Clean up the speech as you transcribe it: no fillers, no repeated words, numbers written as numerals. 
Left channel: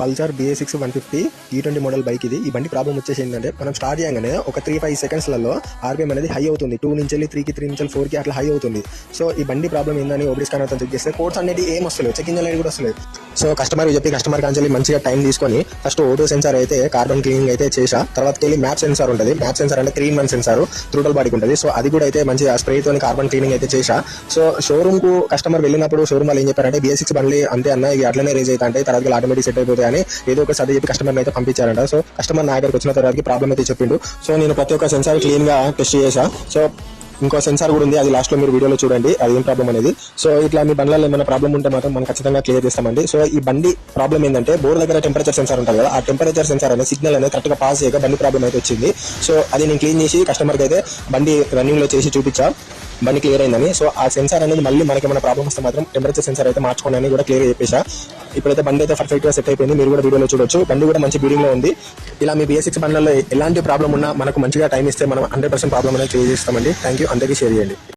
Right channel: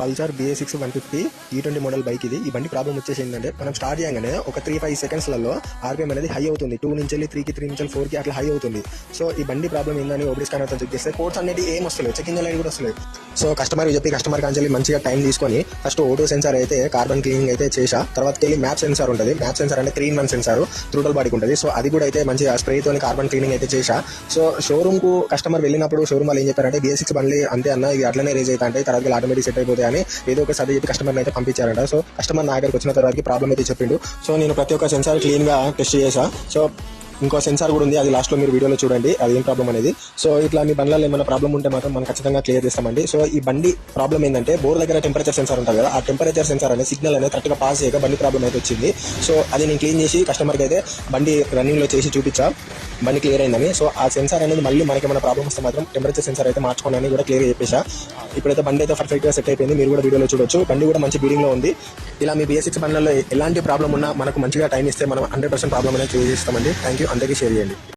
Pulsar BS6 150 E20 model bike ఇది. ఈ బండి ప్రాబ్లం వచ్చేసి ఏంటంటే మనం స్టార్ట్ చేయగానే ఒక 3-5 సెకండ్స్లలో ఆర్పిఎం అనేది హై అవుతుంది. 2 నుంచి 3కి 3 నుంచి 4కి అట్లా హై అవుతుంది. సో ఈ బండి ప్రాబ్లం ఏందని ఓబీ స్కానర్ తో చెక్ చేస్తే కోడ్స్ అనేది ఏం వస్తలేదు, చెకింగ్ అనేది కూడా వస్తలేదు. సో కస్టమర్ చెప్పి కస్టమర్ కాంచెల్లి మంచిగా టైం తీసుకొని ఫస్ట్ ఓటో సెన్సార్ అయితే కార్బన్ క్లీనింగ్ అయితే చేసా. తర్వాత వెళ్ళి మ్యాచ్ సెన్సార్ ఉంటుంది. మ్యాచ్ సెన్సార్ అంటే 3-in-1 సెన్సార్ త్రూటల్ బాడీకి ఉంటుంది. సో అది కూడా అయితే మంచిగా స్ప్రే తోని కార్బన్ క్లీనింగ్ అయితే చేసా. సో షోరూమ్ కు కస్టమర్ వెళ్ళినప్పుడు షోరూమ్ వాళ్ళు ఏం చెప్పారంటే BS6 బండి అంతే అన్న, ఇది అట్లనే రేజ్ అయితే అంటే తర్వాత ఆటోమేటిక్ సెట్ అయిపోతాయి అని ఏదో ఒక సర్ది చెప్పి కస్టమర్ అయితే పంపించారంట. సో కస్టమర్ నా దగ్గరికి వచ్చిన తర్వాత ప్రాబ్లం అయితే చెప్పిండు. సో నేను ప్రతి ఒక్క సెన్సార్ క్లీన్ గా టెస్ట్ చేసా. సో ఇంకో సెన్సార్ కూడా ఉంది, అది లాస్ట్ లో మీరు వీడియోలో చూడండి అది ఏం ప్రాబ్లం అనేది. సో ఇట్లా మీ బండ్లలో ఏమైనా ప్రాబ్లం ఉంటే మాత్రం మనం ఖచ్చితంగా క్లియర్ చేస్తామండి. సో ఈ బండి ప్రాబ్లం ఏంటంటే బోర్ దగ్గర టెంపరేచర్ సెన్సార్ ఉంటుంది కదా, ఆ టెంపరేచర్ సెన్సార్ అనేది సిగ్నల్ అనేది కరెక్ట్ గా పాస్ చేయక బండి ప్రాబ్లం అయితే వచ్చింది. సో అది నేను క్లీన్ చేసి కస్టమర్ కి అయితే బండి రన్నింగ్ లో చేసి చూపించా, బండి క్లియర్ అయిందని. సో ఆ సెన్సార్ అనేది మళ్ళీ మనకి ఏమైనా ప్రాబ్లం వస్తే మాత్రం టెంపరేచర్ సెన్సార్ అయితే మార్చుకోండి అని కూడా క్లియర్ చెప్పేసా. ఇప్పుడైతే బండి అయితే పర్ఫెక్ట్ గా సెట్ అయిపోయింది, మీరు కూడా వీడియోలో చూడొచ్చు. బండి కూడా మంచి బీడింగ్ లో ఉంది. ఇలా మీ BS6 బండ్లలో ఎలాంటి ప్రాబ్లం ఉన్నా మనకు మంచిగా టైం ఇస్తే మనం 100% ప్రాబ్లం అనేది క్లియర్ చేస్తామండి. థ్యాంక్ యూ, అందరికీ షేర్ చేయండి.